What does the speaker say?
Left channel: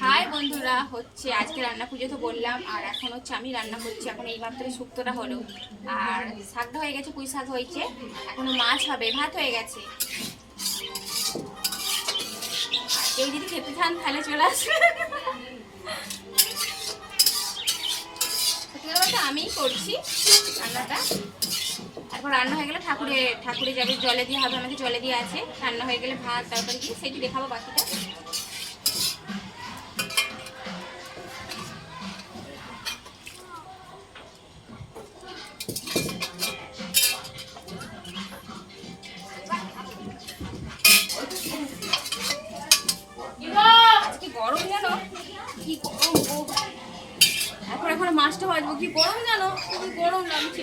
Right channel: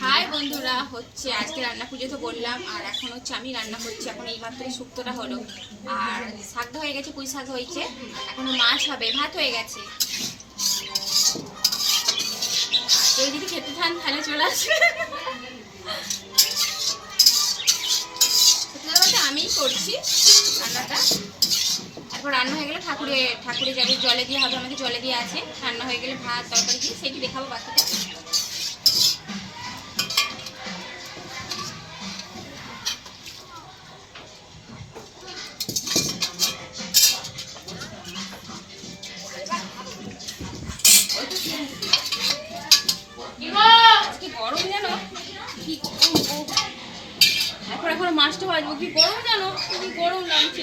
High বন্ধুরা, হচ্ছে আজকে রান্না পুজো তো বললাম, আর এখন হচ্ছে আমি রান্না করছি। এখন এই মাত্রই শুক্তোটা হলো, আর শাকটা হয়ে গেছে, পুঁই শাক হয়েছে, এখনো মাছ হবে, ভাত হয়ে গেছে। কেউ যদি খেতে চান তাহলে চলে আসবে। সত্যি কথা বলতে আমিই করছি রান্নাটা। তারপর রান্না হয়ে গেলে ঠাকুরে যাবে, জলে দিয়ে হবে, আমাকে জলে দিয়ে আছে। রান্না হয়ে গেলে ভাত তরকারি দিয়ে সেটি দেখাবো বাকিটা। গরম জানো কি গরম, তারপর এখন মাছটা ভাজবো, কি গরম জানো, কি গরম লাগছে।